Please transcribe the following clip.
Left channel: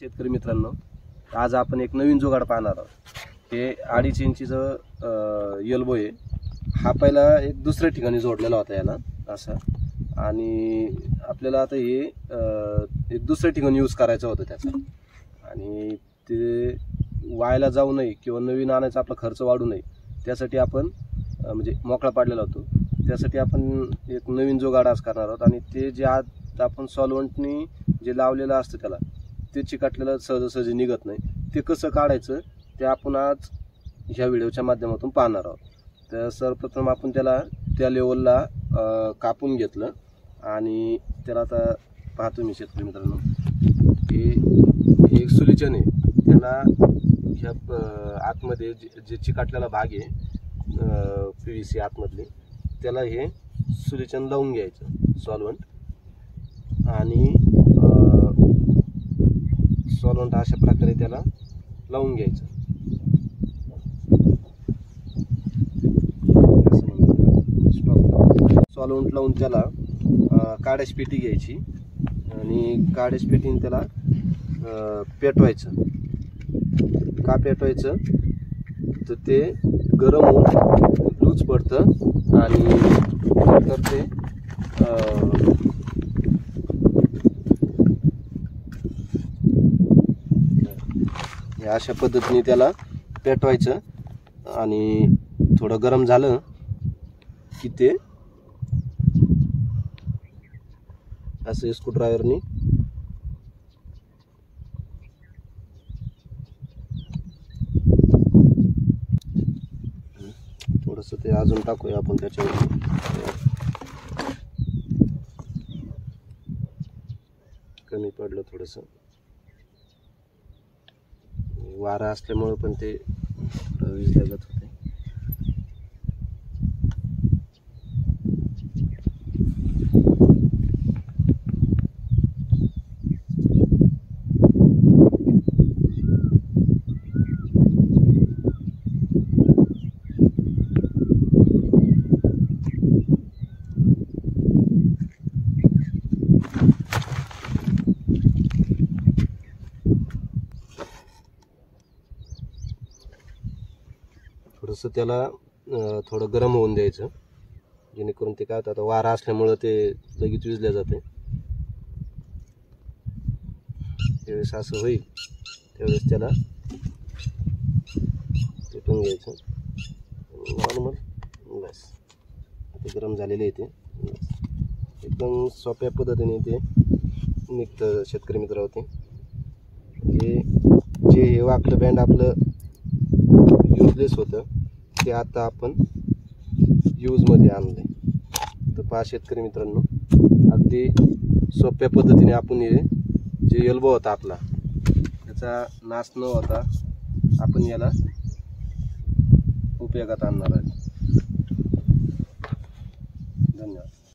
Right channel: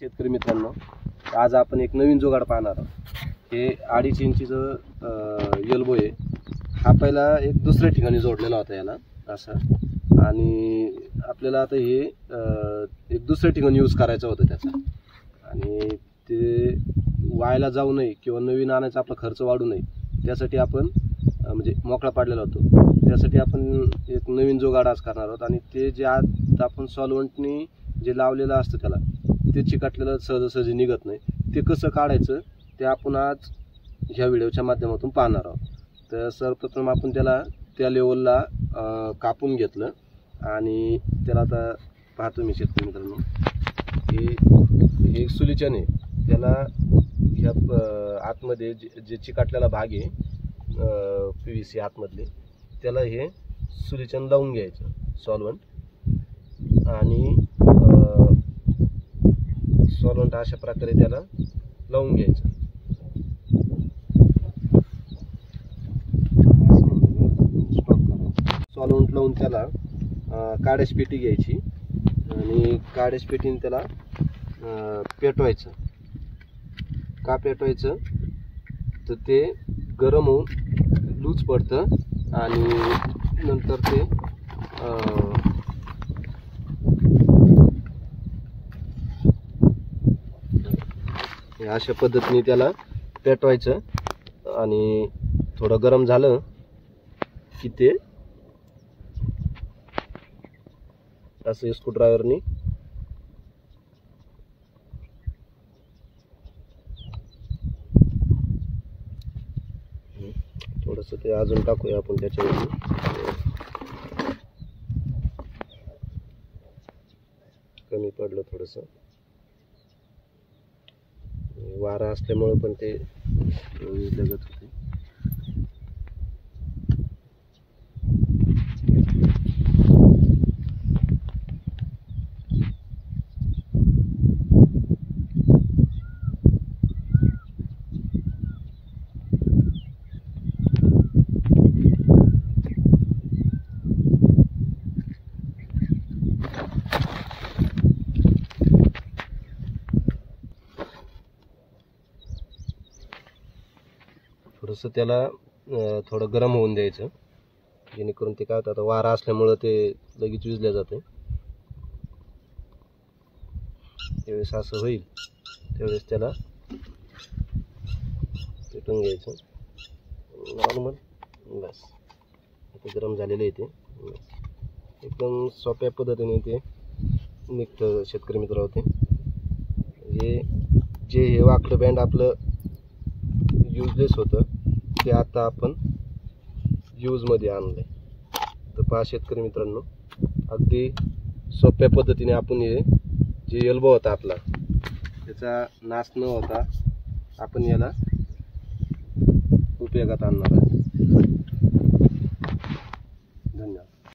शेतकरी मित्रांनो, आज आपण एक नवीन जुगाड पाहणार आहोत। हे 2.5 इंचीचं एल्बो आहे। हा पहिला एक दुसऱ्या ठिकाणी जोडलेला होता याला असा, आणि आपल्याला आता हे एक दुसऱ्या ठिकाणी यूज करायचं होतं त्याचा, आणि ते वायाला जाऊ नये किंवा नवीन आणायचा आपला खर्च वाढू नये त्यासाठी आपण म्हणजे मोकळा पाडलेला होतो। त्यासाठी आपण एक नवीन जुगाड आज करणार आहोत, आणि ते जे आज आपण सॉल्व्हंटनी जे लावलेलं असतं त्याला ते चिकटलेलं सहजासहजी निघत नाही, ते कसं काढायचं ते आपण आज ह्या व्हिडिओच्या माध्यमातून पाहणार आहोत। तर सर्वप्रथम आपण त्याला त्या लेवलला कापून घेतलं, आणि त्याला आता पाहतो मी शेतकरी मित्रांनो, हे एक सोल्युशन आहे। त्याला ह्या आतमध्ये जे चिकटलेला भाग आहे PVC आतमधले, त्याला हे सोल्युशन लावून घ्यायचं सॉल्व्हंट, आणि सॉल्व्हंट अशा प्रकारे त्याला लावून घ्यायचं। सॉल्व्हंट लावून त्याला काड्याची पेटी घ्यायची, आणि काड्याची पेटीने त्याला पेटवायचं। का पेटवायचं तर ते गरम होऊन लूज पडतं, आणि नंतर ते अशा पद्धतीने त्याला पेटवायचं, आणि थोडं गरम झालं की ते असं स्क्रूड्रायव्हरनी थोडंसं ते अजून टाकूया आपण त्याच्यावर, कमी पडलं थोडंसं, वारा असल्यामुळे पण ते वीज लागत होते। थोडंसं त्याला थोडं गरम होऊन द्यायचं, जेणेकरून ते काय होतं, आता वारा असल्यामुळं ते लगेच विजल्या जाते। त्यावेळेस असं होईल त्यावेळेस त्याला पेटून घ्यायचं नॉर्मल, बस ते गरम झालेले आहे, ते एकदम सोप्या पद्धतीने ते निघतं शेतकरी मित्र होते। जे हे वाकलं बँड आपलं युजलेस होतं ते आता आपण यूजमध्ये आणलंय। तर पहा शेतकरी मित्रांनो, अगदी सोप्या पद्धतीने आपण हे जे एल्बो होता आपला त्याचा नाश न होता आपण याला उपयोगात आणणार आहे। धन्यवाद।